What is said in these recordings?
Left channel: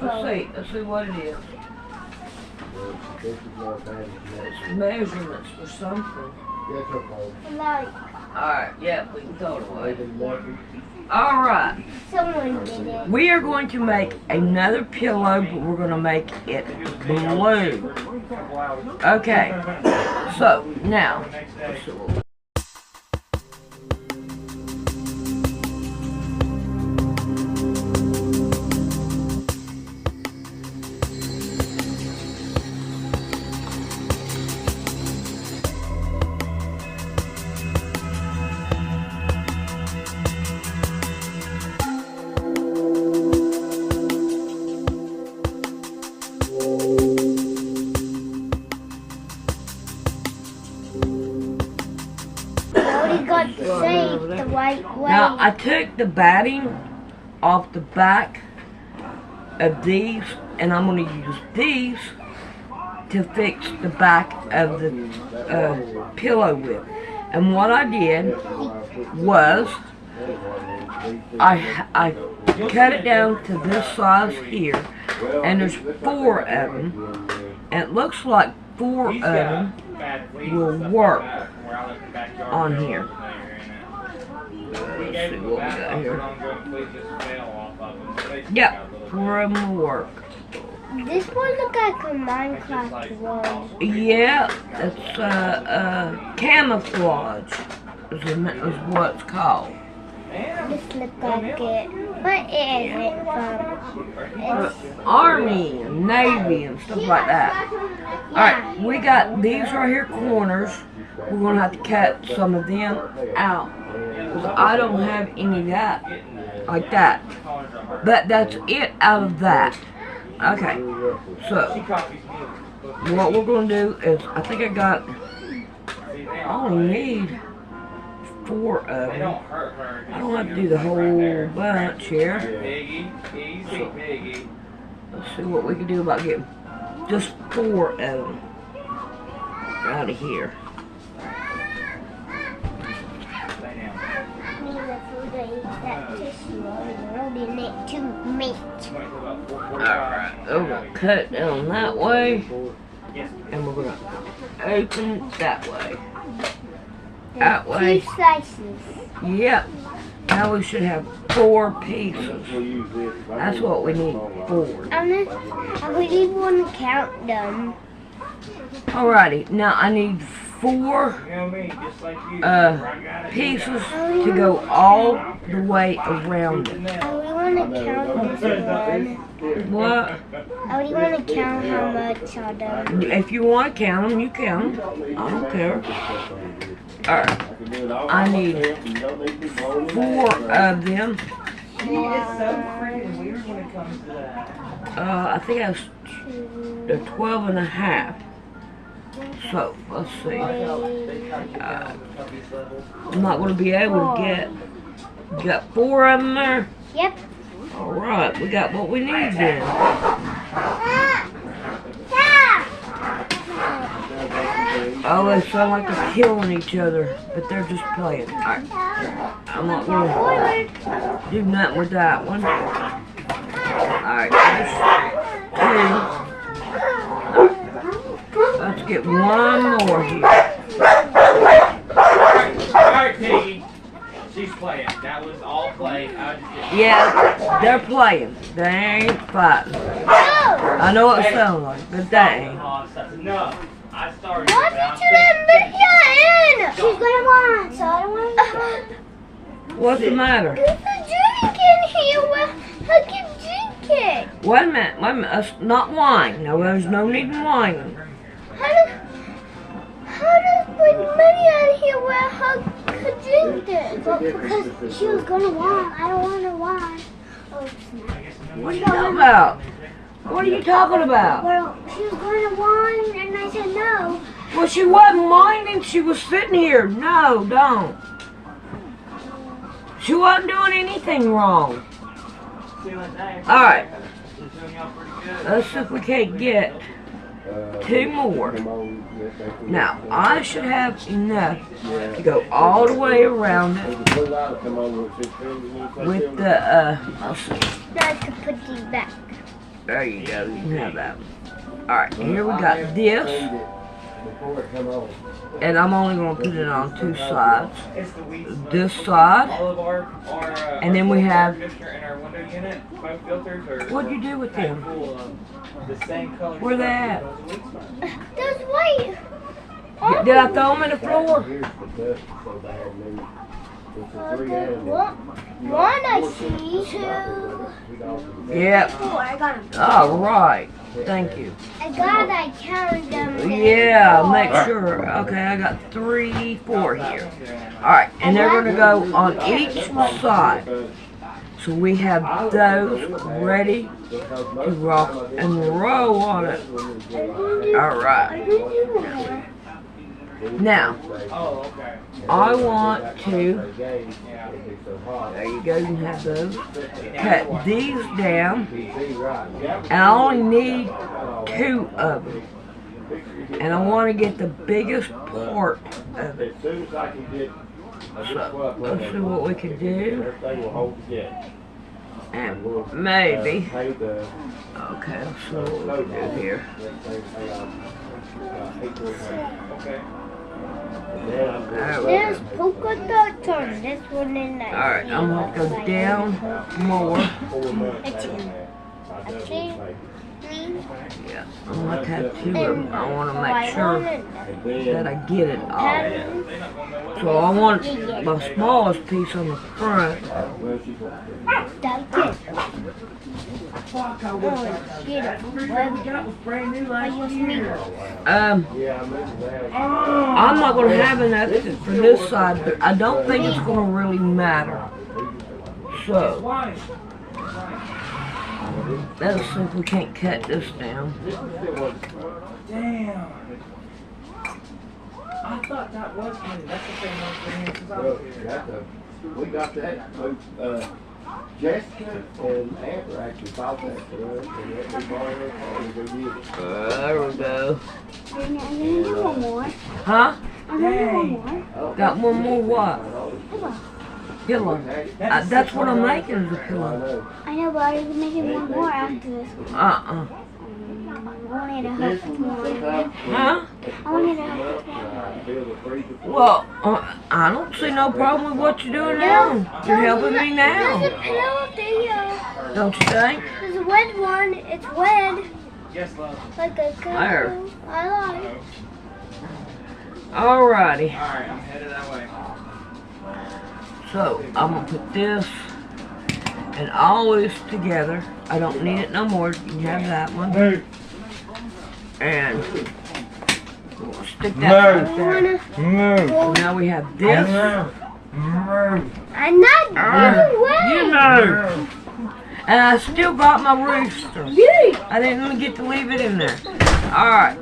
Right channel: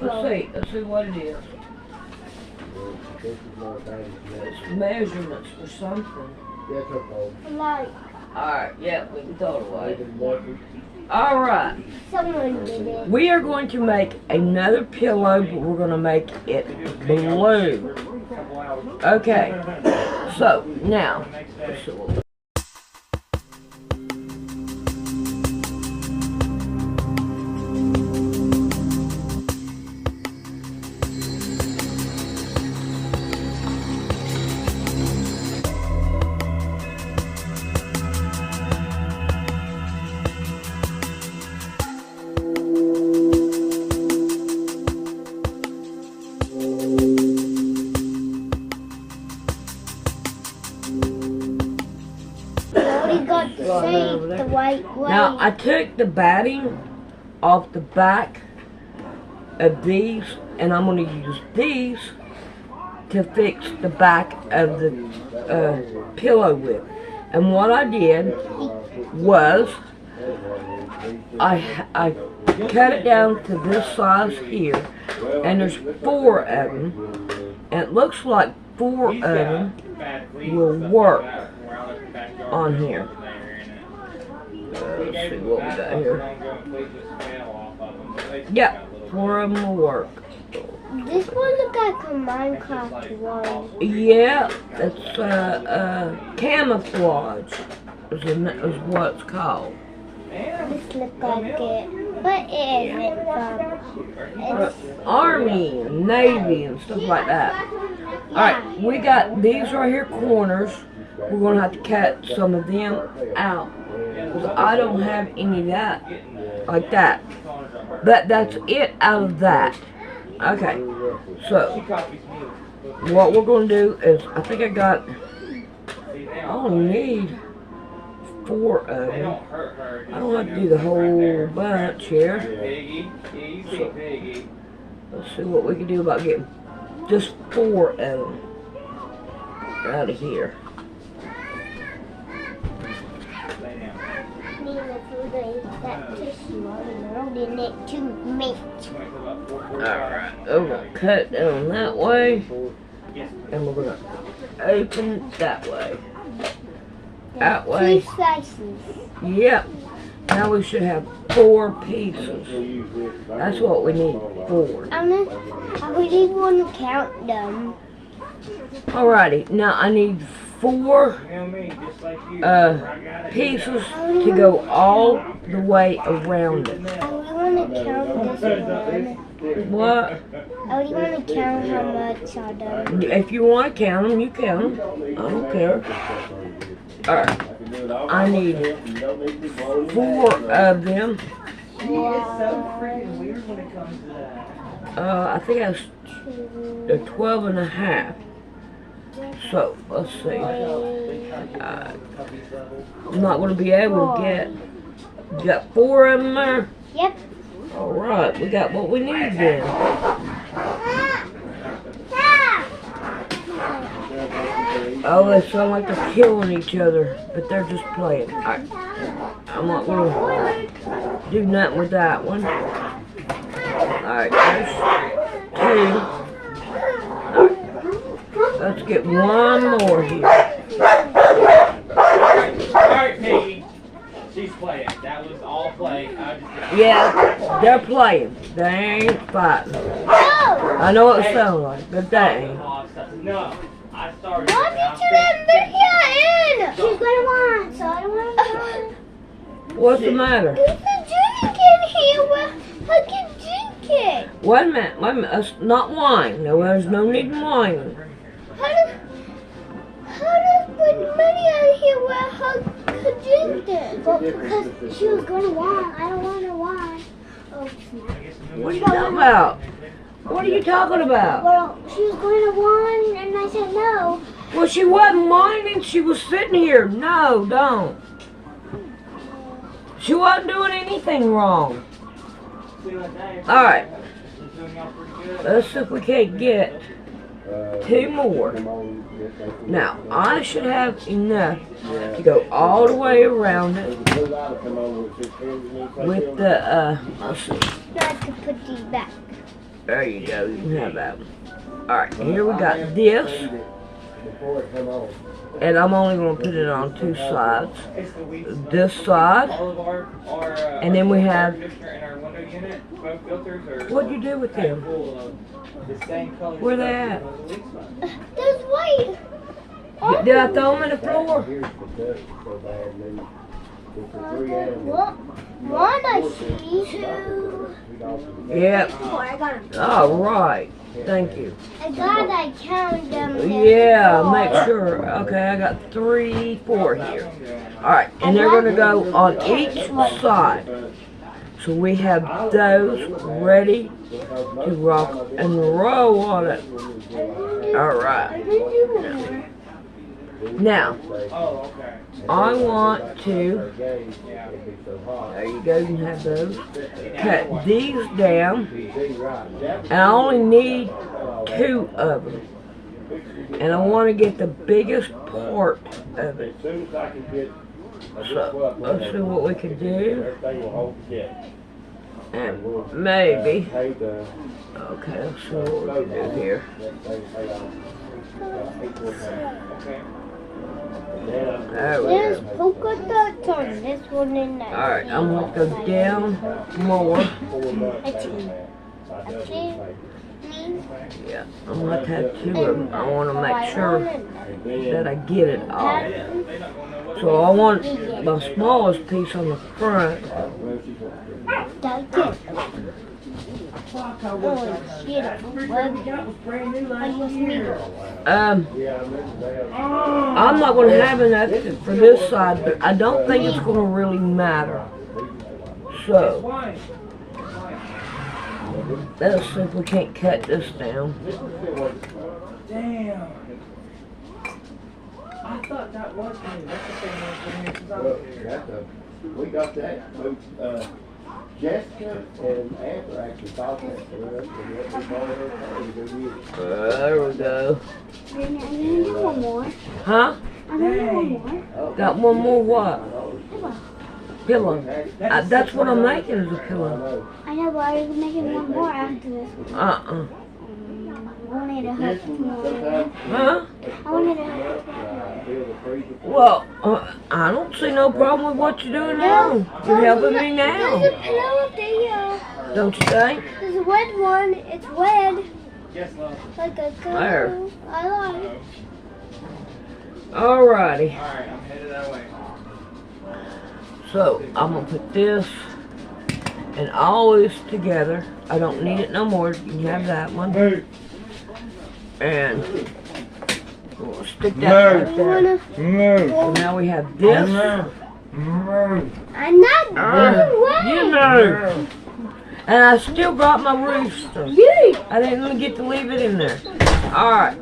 Let's see what it is. It's measurements for something. Like. Alright, yeah, we can throw it away. Alright. Someone did it. We are going to make another pillow, but we're going to make it blue. Okay. So, now. Let's see what we got to save the right way. Now, I took the batting off the back of these, and I'm going to use these to fix the back of the pillow with. And what I did was, I cut it down to this size here, and there's 4 of them, and it looks like 4 of them will work on here. Let's see what we got here. Yeah, 4 of them will work. This one looks like a Minecraft one. Yeah, it's camouflage is what it's called. This looks like it, but it isn't. It's Army and Navy and stuff like that. Alright, we got these right here corners. We're going to have to cut some of them out. Because I don't have any of that. Like that. But that's it out of that. Okay. So, what we're going to do is, I think I only need 4 of them. I don't have to do the whole bunch here. So, let's see what we can do about getting just 4 of them out of here. Alright, we're going to cut down that way, and we're going to open it that way. That way. 2 slices. Yep. Now we should have 4 pieces. That's what we need, 4. I really want to count them. Alrighty, now I need 4 pieces to go all the way around it. I really want to count this one. What? I really want to count how much are them. If you want to count them, you count them. I don't care. Alright. I need 4 of them. I think that's 12 and a half. So, let's see. I'm not going to be able to get... You got 4 of them there? Yep. Alright, we got what we need then. Oh, they sound like they're killing each other, but they're just playing. Alright. I'm not going to do nothing with that one. Alright, there's 2. Alright. Let's get 1 more here. Alright, Piggy. She's playing. That was all play. Yeah, they're playing. They ain't fighting. I know what it sounds like, but they ain't. No. I started. Why did you let Lydia in? She's gonna want, so I don't want to. What's the matter? There's a drink in here. How can you drink it? Wait a minute. That's not wine. No, there's no need in wine. How does put money out here where her could drink it? Well, because she was gonna want. I don't want to want. Oh, What are you talking about? What are you talking about? well, she was going to whine, and I said no. Well, she wasn't whining. She was sitting here. No, don't. She wasn't doing anything wrong. Alright. Let's see if we can't get 2 more. Now, I should have enough to go all the way around it with the, let's see. Now to put these back. There you go, you can have that one. Alright, here we got this. And I'm only going to put it on 2 sides. This side. And then we have... What'd you do with them? Where they at? There's white. Did I throw them in the floor? One I see. 2. Yep. Oh, I got them. All right. Thank you. I counted them. Yeah, make sure. Okay, I got 3, 4 here. All right, and they're going to go on each side. So we have those ready to rock and roll on it. All right. Now, I want to, there you go, you can have those, cut these down, and I only need 2 of them, and I want to get the biggest part of it. So, let's see what we can do, and maybe, okay, let's see what we can do here. There we There's go. polka dots on this one and that. Alright, I'm going to go down more. Yeah, I'm going to have 2 of them. I want to make sure that I get it all. So I want my smallest piece on the front. That's it. I'm not going to have enough for this side, but I don't think it's going to really matter. So, let's see if we can't cut this down. Damn. I thought that was me. That's the thing I was since I was here. We got that. Jessica and Amber actually fought that for us, and we borrowed it, and we did it. There we go. I need one more. Huh? I need one more. Got one more what? Pillow. That's what I'm making is a pillow. I know, but I was making one more after this one. I wanted to hurt tomorrow. Huh? I wanted to hurt. Well, I don't see no problem with what you're doing now. You're helping me now. There's a pillow up there. Don't you think? There's a red one. It's red. Yes, love. Like a There. color. I like. Alrighty. Alright, I'm headed that way. So, I'm going to put this and all this together. I don't need it no more. You can have that one. And we'll stick that right there. So now we have this. I'm not going away. You know. And I still got my rooster. I didn't get to leave it in there. Alright.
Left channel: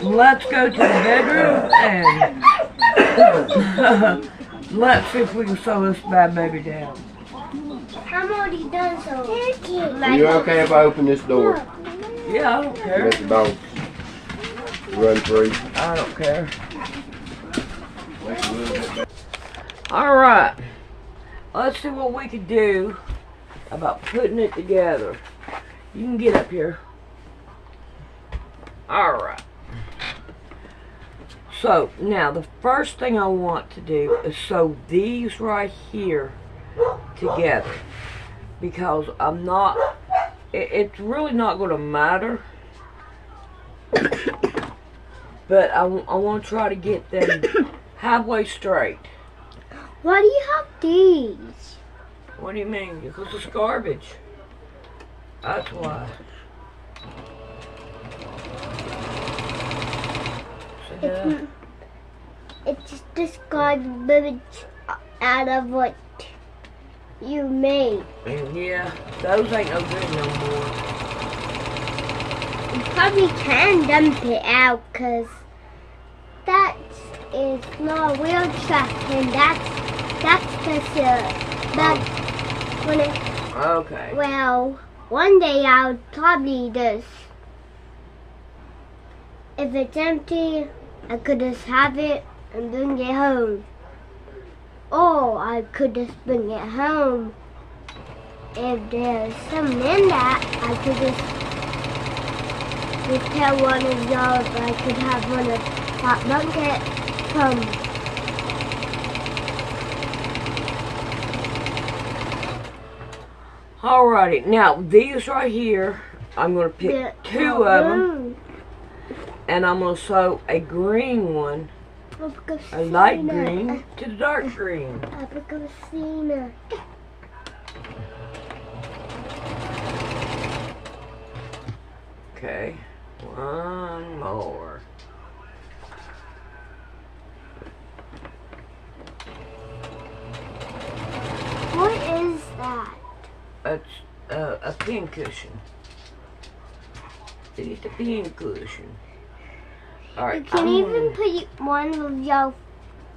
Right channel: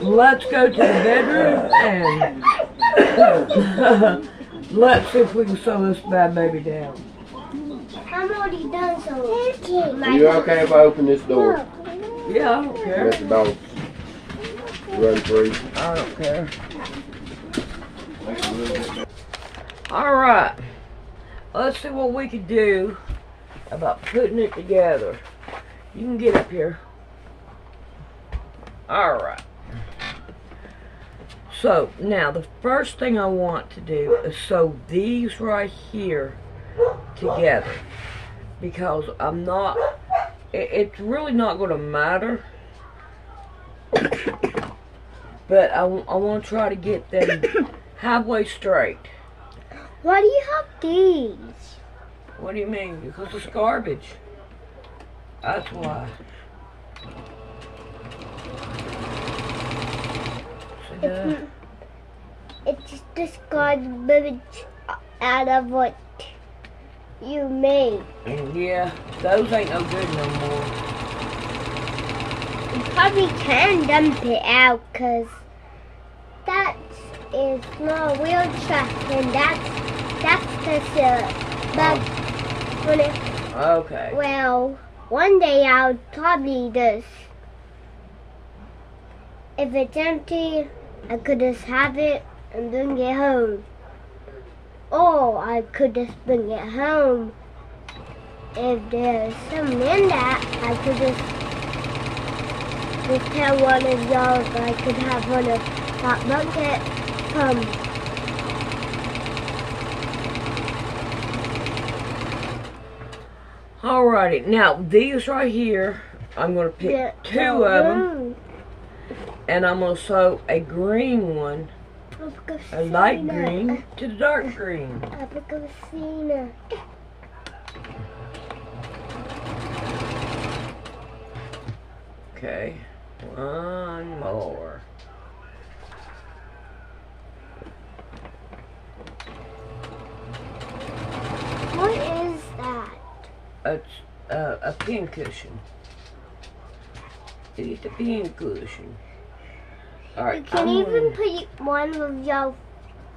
Let's go to the bedroom and let's see if we can sew this bad baby down. I'm already done, so. Are you okay if I open this door? Yeah, I don't care. Let the dogs run through. I don't care. Alright. Let's see what we can do about putting it together. You can get up here. Alright. So, now the first thing I want to do is sew these right here together. Because I'm not, it's really not going to matter. But I want to try to get them halfway straight. Why do you have these? What do you mean? Because it's garbage. That's why. It's just this garbage out of what you made. Yeah, those ain't no good no more. You probably can dump it out because that is not a real trash and that's just that's when it, Okay. well, one day I'll probably just if it's empty, I could just have it and bring it home. Or I could just bring it home. If there's something in that, I could just tell one of y'all that I could have one of that bucket come. Alrighty, now these right here, I'm going to pick two of them, and I'm going to sew a green one, a light green to the dark green. Okay, one more. What is that? It's a pin cushion. It's a pin cushion. Alright, You can even put one of your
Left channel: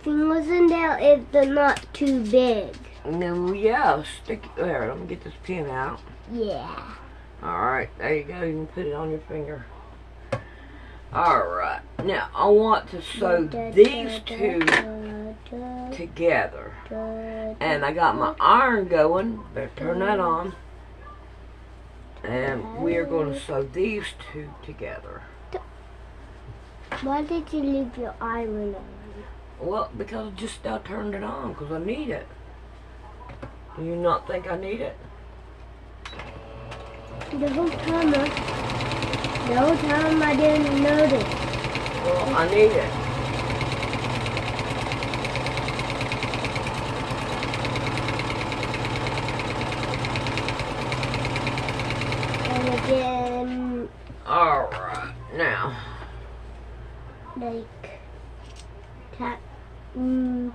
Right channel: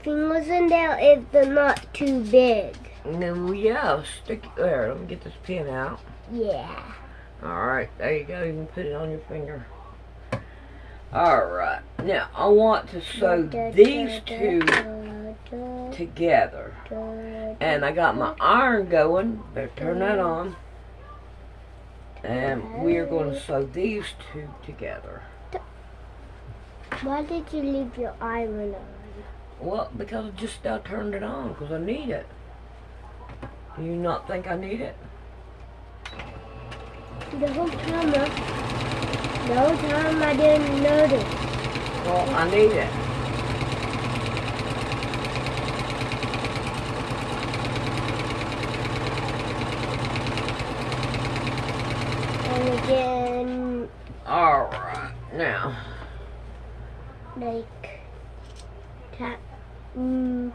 fingers in there if they're not too big. and then, yeah, I'll stick it there. Let me get this pin out. Yeah. Alright, there you go. You can put it on your finger. Alright, now I want to sew these two together. And I got my iron going. Better turn that on. And we are going to sew these two together. Why did you leave your iron on? Well, because I just now turned it on because I need it. Do you not think I need it? The whole time I didn't notice. Well, I need it. And again, Alright, now. like, tap. Okay,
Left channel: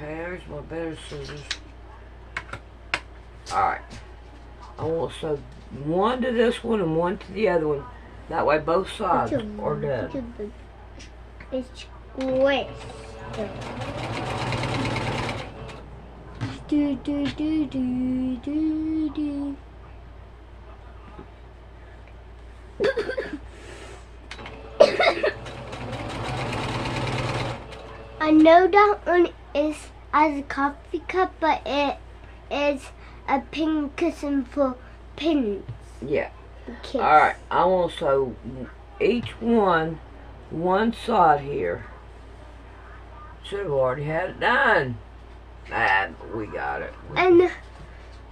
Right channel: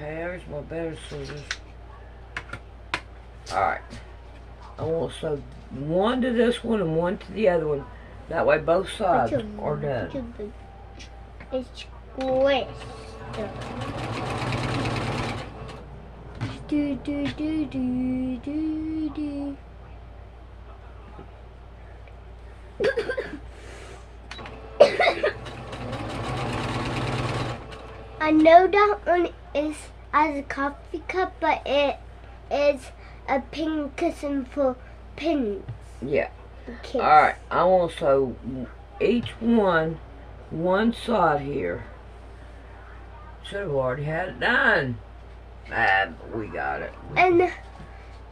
there's my better scissors. Alright. I want to sew one to this one and one to the other one. That way both sides are done. It's squished. Do do do do do do. I know that one is as a coffee cup, but it is a pin cushion for pins. Yeah. Kids. Alright, I want to sew each one side here. Should have already had it done. Ah, but we got it. And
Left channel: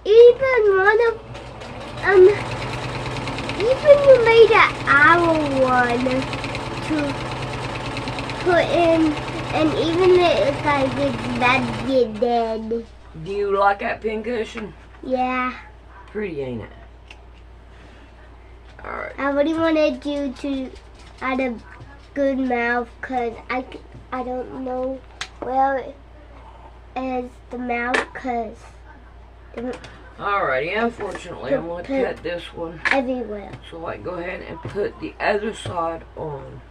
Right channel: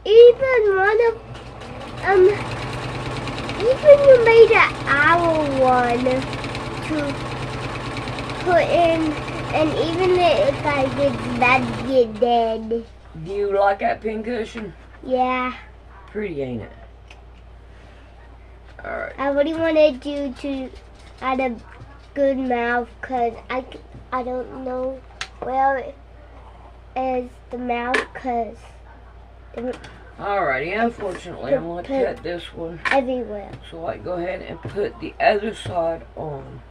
even one of even you made an owl one to put in, and even it looks like it's about to get dead. Do you like that pin cushion? Yeah. Pretty, ain't it? Alright. I really wanted you to add a good mouth, because I don't know where is the mouth, because Alrighty, unfortunately, I'm going to cut this one. everywhere. So I go ahead and put the other side on.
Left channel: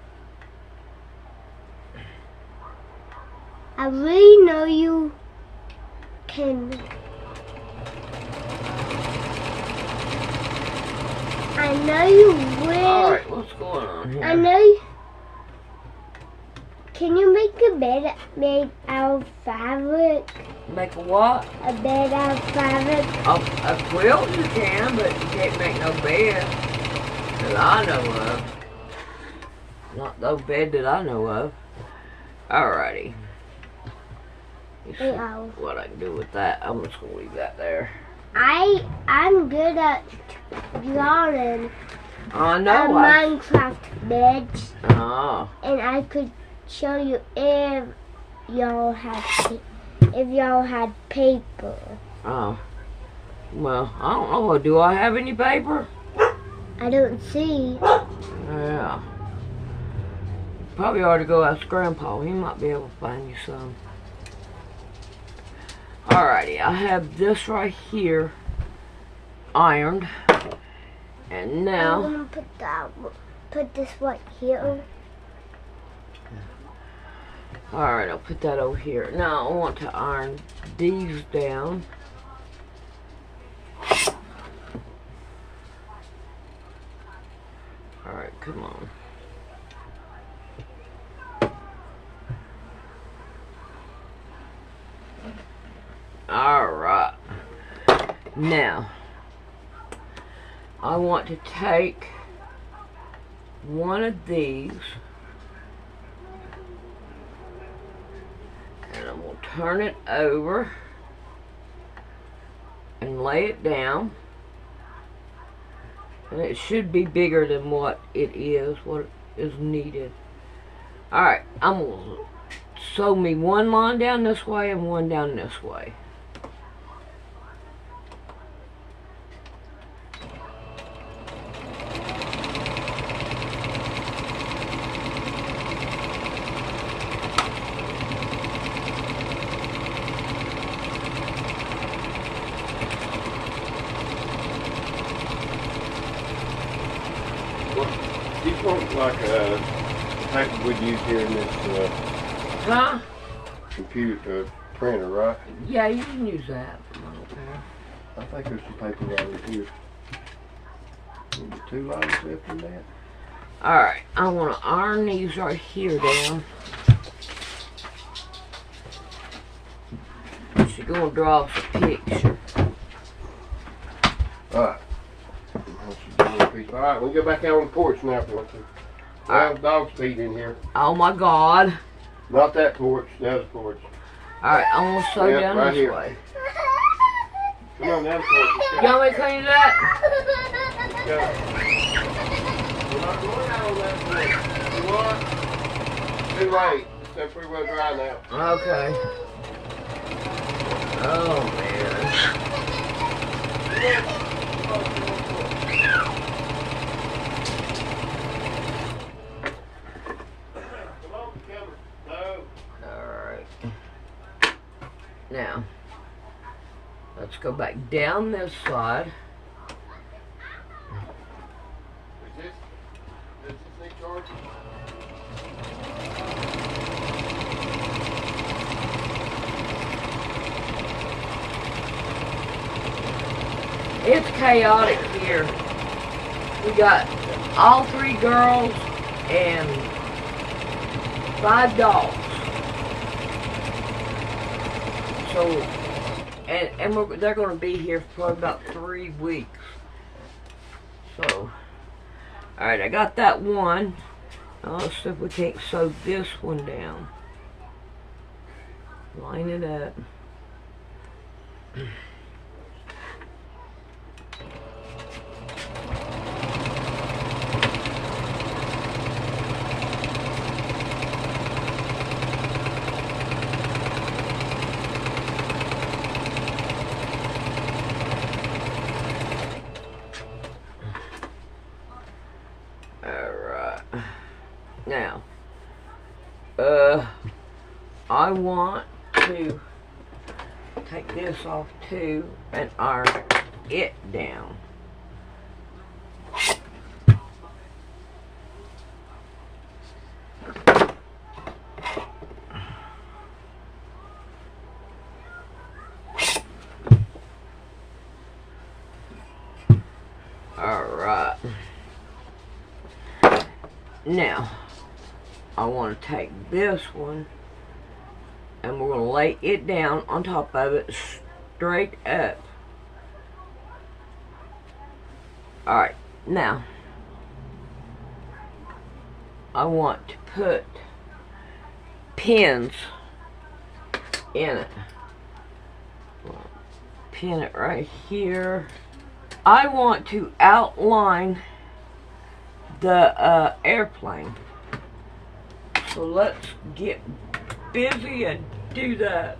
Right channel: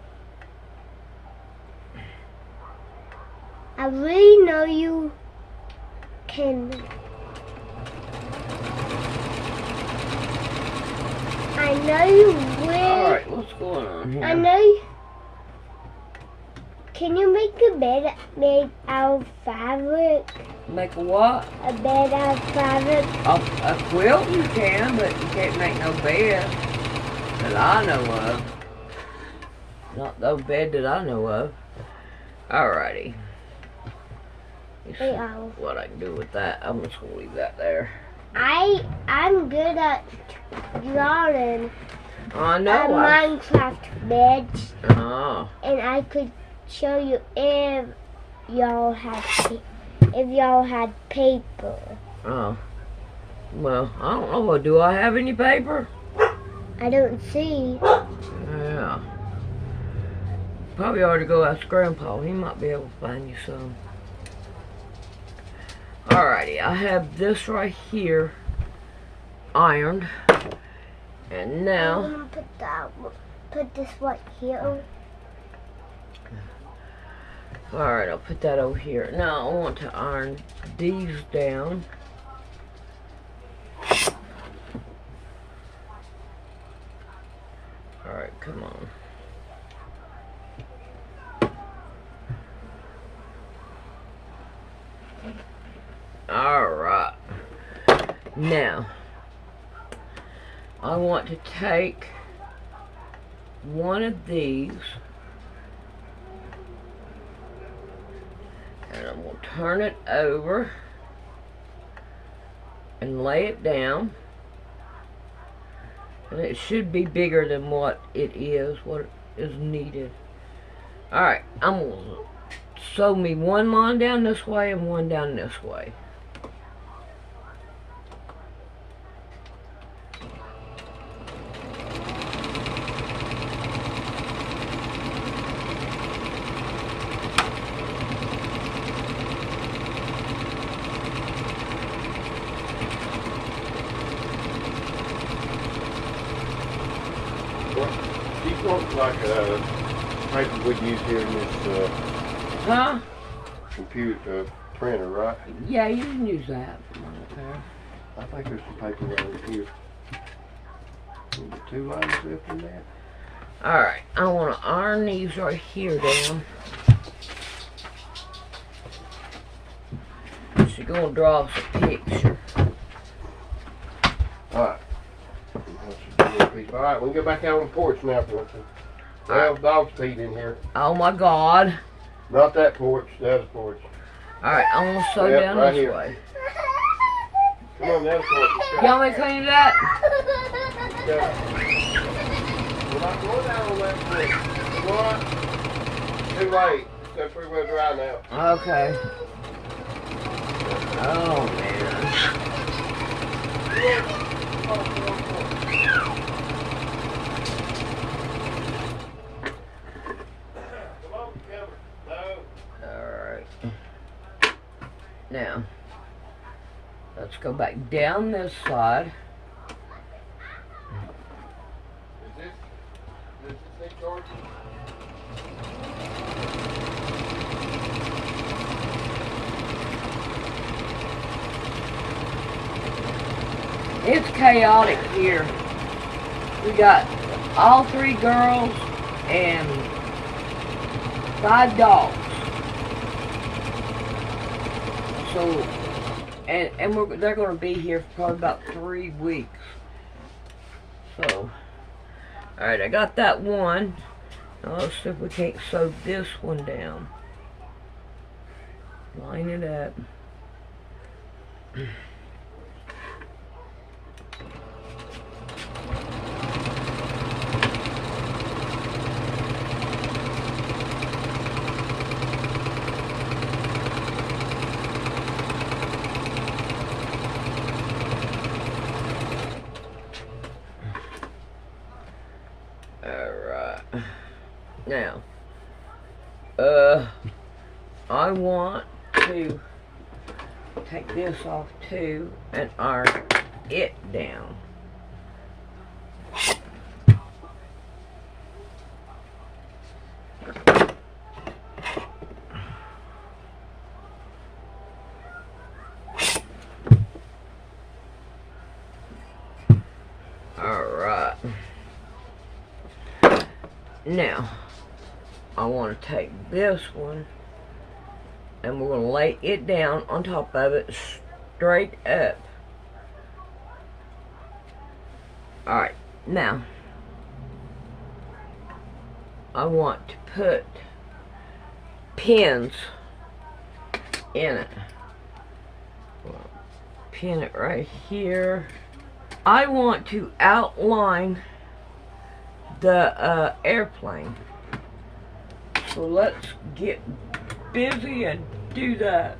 I really know you can. I know you will. Alright, what's going on here? I know you. Can you make a bed made out of fabric? Make a what? A bed out of fabric? A quilt you can, but you can't make no bed that I know of. Not no bed that I know of. Alrighty. Let's see what I can do with that. I'm just gonna leave that there. I'm good at drawing I know. Minecraft beds, Oh. and I could show you if y'all had paper. Oh. Well, I don't know. Do I have any paper? I don't see. Yeah. Probably ought to go ask Grandpa. He might be able to find you some. Alrighty, I have this right here ironed. And now I'm gonna put this right here. alright, I'll put that over here. Now I want to iron these down. Alright, come on. Now, I want to take one of these and I'm going to turn it over and lay it down. And it should be bigger than what it is, what is needed. Alright, I'm going to sew me one line down this way and one down this way. These ones like type we'd use here in this Huh? computer printer, right? Yeah, you can use that for my repair. I think there's some paper right here. Maybe 2 lines left in that. Alright, I want to iron these right here down. She's going to draw us a picture. Alright. Alright, we'll go back out on the porch now if you want to. There's dog's feet in here. Oh my God. Not that porch, the other porch. Alright, I'm going to sew Yep, down right this here. way. Come on, the other porch. You want me to clean that? We're not going out on that porch. You know what? Too late. It's pretty dry now. Okay. Oh man. Alright. Now, let's go back down this side. Is this Nick George? It's chaotic here. We got all 3 girls and 5 dogs. So, they're going to be here for probably about 3 weeks. So, alright, I got that one. Now let's see if we can't sew this one down. Line it up. Now, I want to take this off too and iron it down. Alright. Now, I want to take this one and we're going to lay it down on top of it straight up. Alright, now I want to put pins in it. Well, pin it right here. I want to outline the airplane. So let's get busy and do that.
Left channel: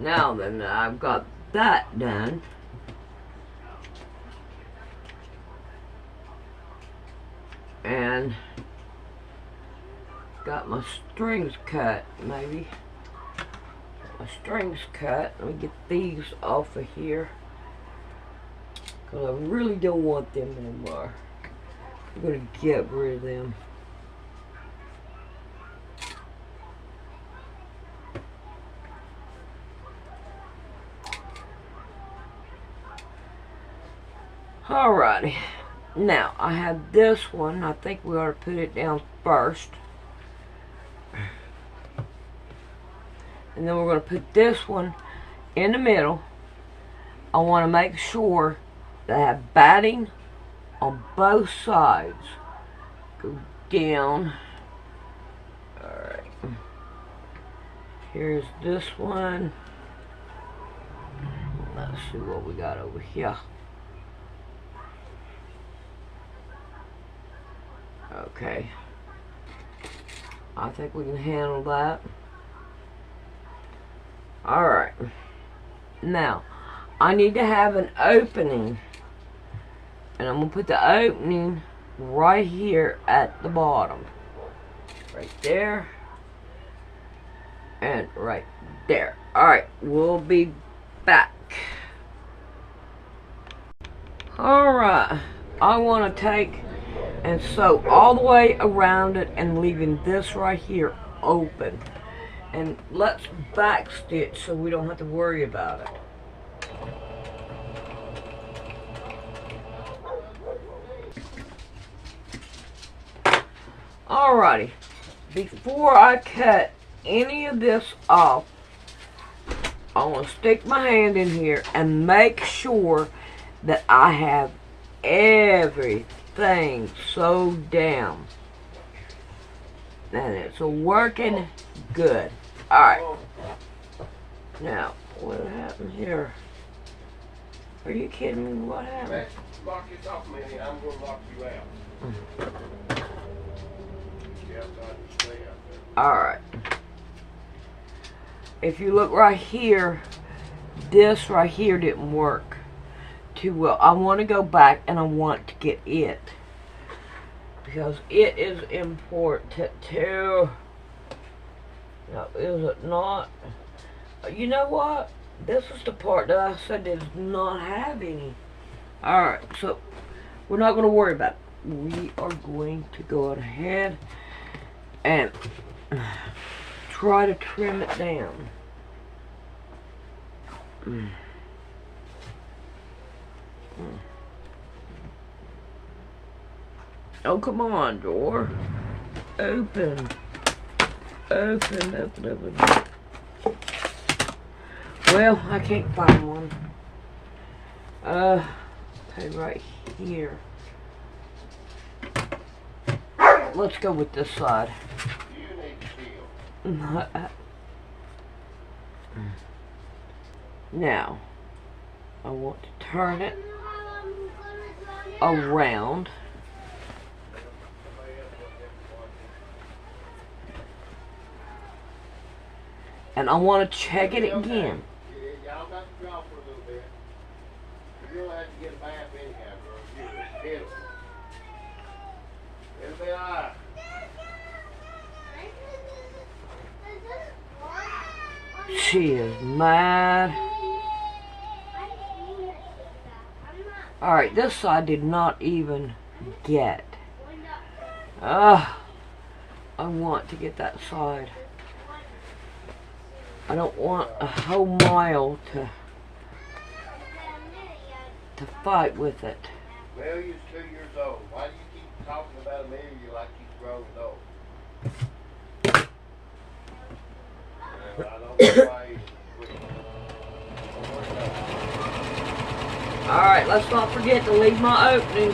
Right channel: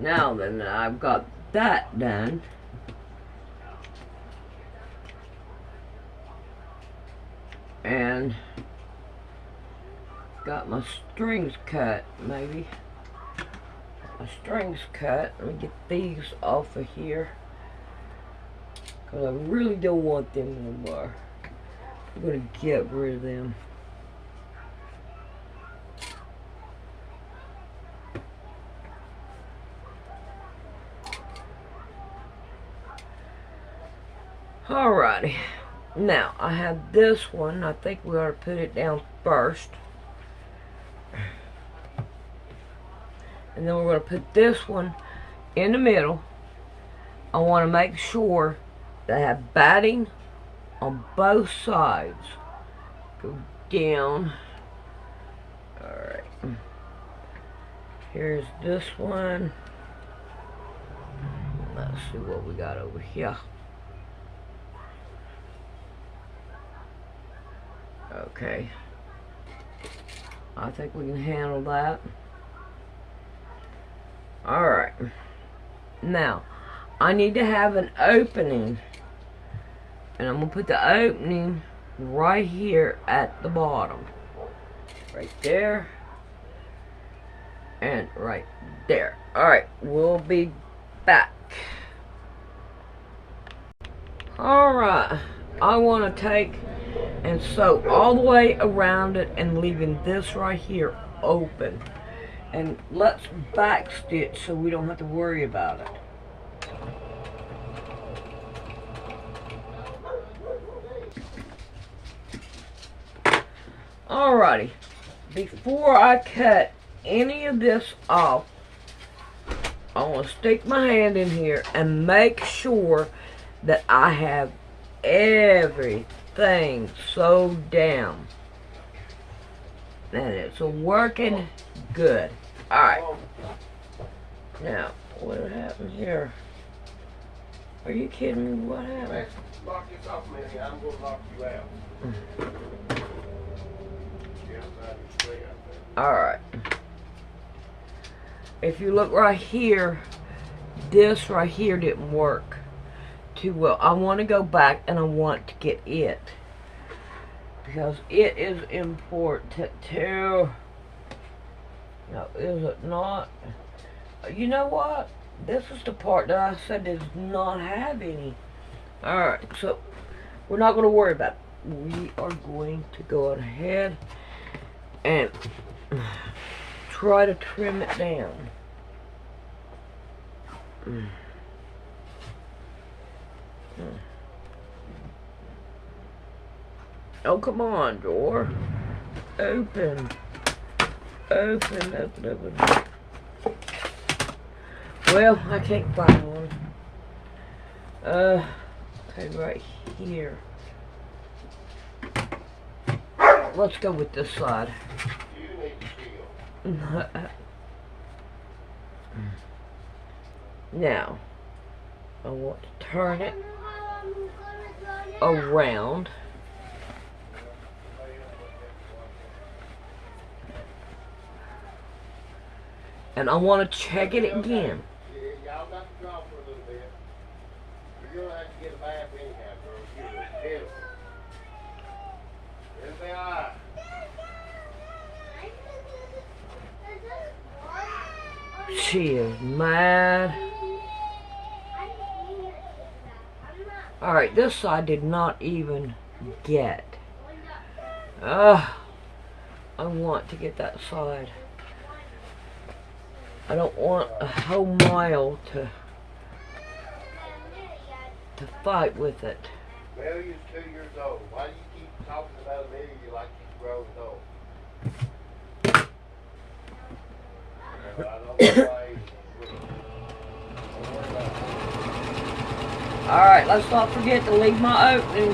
Now then, I've got that done. And got my strings cut, maybe. Got my strings cut. Let me get these off of here, because I really don't want them anymore. I'm going to get rid of them. Alrighty. Now, I have this one. I think we ought to put it down first. And then we're going to put this one in the middle. I want to make sure that I have batting on both sides. Go down. Alright. Here's this one. Let's see what we got over here. Okay. I think we can handle that. Alright. Now, I need to have an opening. And I'm going to put the opening right here at the bottom. Right there. And right there. Alright, we'll be back. Alright. I want to take and sew all the way around it and leaving this right here open. And let's back stitch so we don't have to worry about it. Alrighty, before I cut any of this off, I want to stick my hand in here and make sure that I have everything sewed down and it's working good. Alright, now what happened here? Are you kidding me? What happened? Lock this off, Minnie. I'm going to lock you out. Alright. If you look right here, this right here didn't work too well. I want to go back and I want to get it, because it is important too. Now, is it not? You know what? This is the part that I said does not have any. Alright, so we're not going to worry about it. We are going to go ahead and try to trim it down. Oh, come on, door. Open. Open. Well, I can't find one. Okay, right here. Let's go with this side. Now, I want to turn it around. And I want to check it again. Y'all got to draw for a little bit. You're going to have to get a bath anyhow, girl. You're pitiful. It'll be all right. She is mad. Alright, this side did not even get. I want to get that side. I don't want a whole mile to fight with it. Amelia's 2 years old. Why do you keep talking about Amelia like she's grown old? I don't know why. Alright, let's not forget to leave my opening.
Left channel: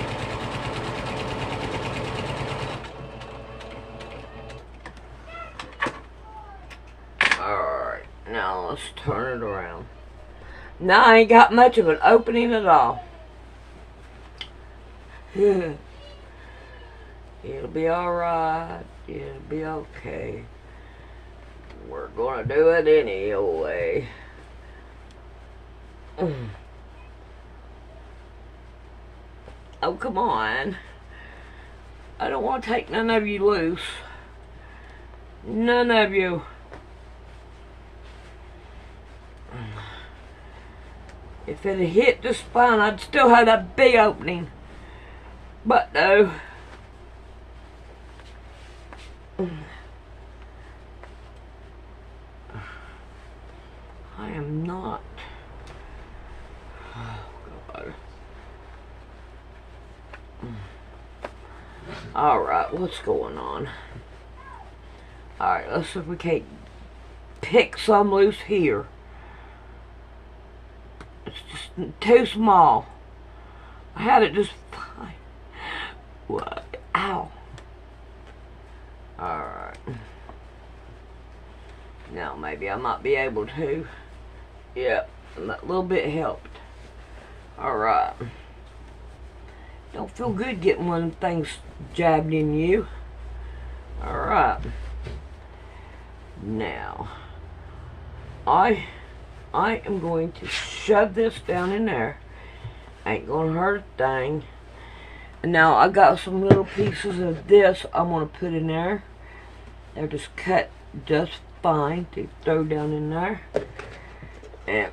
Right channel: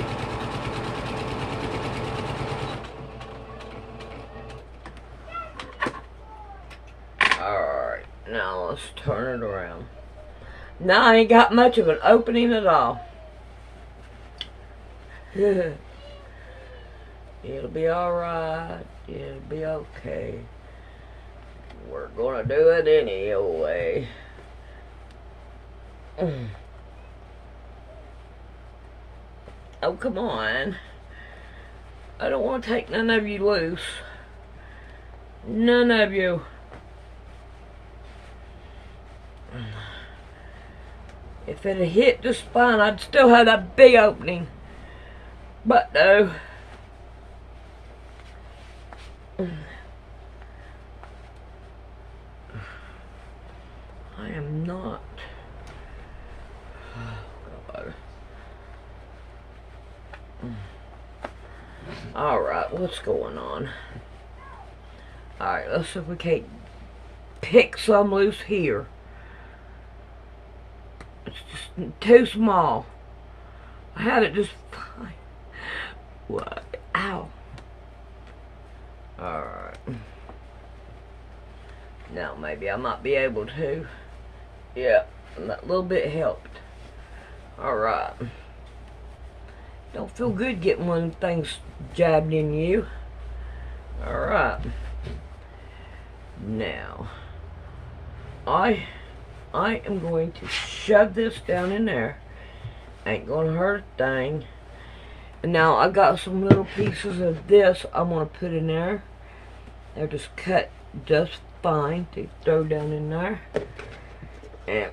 Alright, now let's turn it around. Now I ain't got much of an opening at all. It'll be alright. It'll be okay. We're gonna do it anyway. Oh, come on. I don't want to take none of you loose. None of you. If it had hit the spine, I'd still have that big opening. But no. I am not. Oh, God. Alright, what's going on? Alright, let's see if we can't pick some loose here. It's just too small. I had it just fine. What? Ow. Alright. Now maybe I might be able to. Yeah, that little bit helped. Alright. Don't feel good getting one of them things jabbed in you. Alright. Now, I am going to shove this down in there. Ain't gonna hurt a thing. And now I got some little pieces of this I'm gonna put in there. They're just cut just fine to throw down in there. And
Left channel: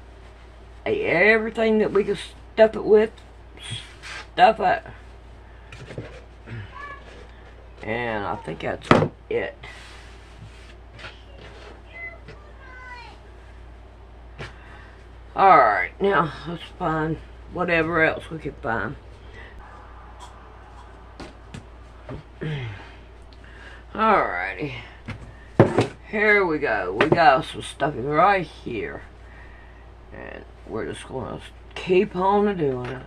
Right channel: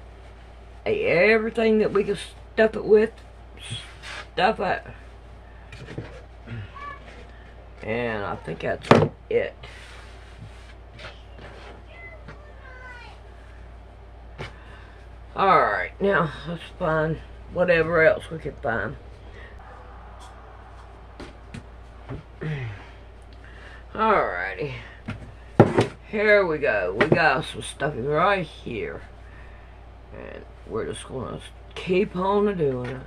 everything that we can stuff it with, stuff it. And I think that's it. Alright, now let's find whatever else we can find. Alrighty. Here we go. We got some stuff right here. And we're just going to keep on doing it.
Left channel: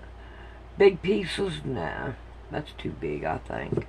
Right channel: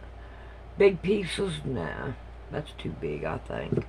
Big pieces? Nah. That's too big, I think.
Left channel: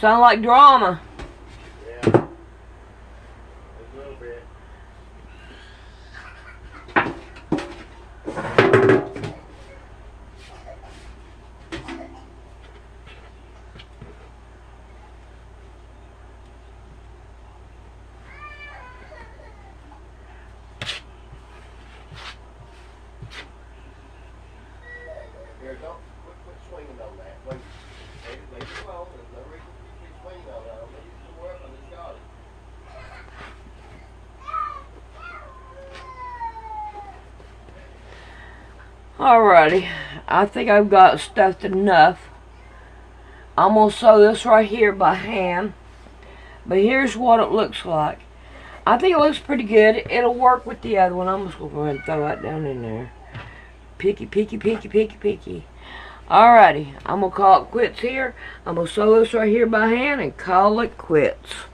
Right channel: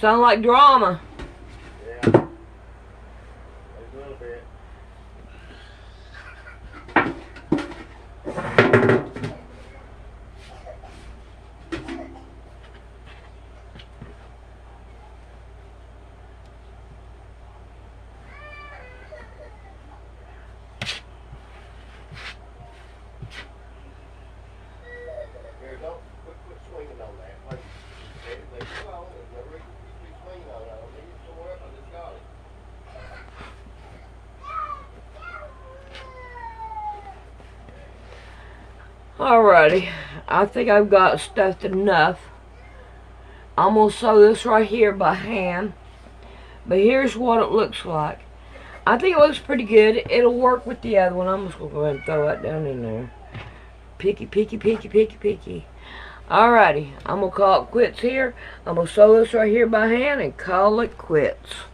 Sound like drama. Yeah. A little bit. Here, don't quit swinging on that. Wait. Leave it alone. There's no reason for you to be swinging on it. I'll leave it somewhere else. I just got it. Alrighty, I think I've got stuffed enough. I'm going to sew this right here by hand. But here's what it looks like. I think it looks pretty good. It'll work with the other one. I'm just going to go ahead and throw that down in there. Picky, picky, picky, picky, picky. Alrighty, I'm going to call it quits here. I'm going to sew this right here by hand and call it quits.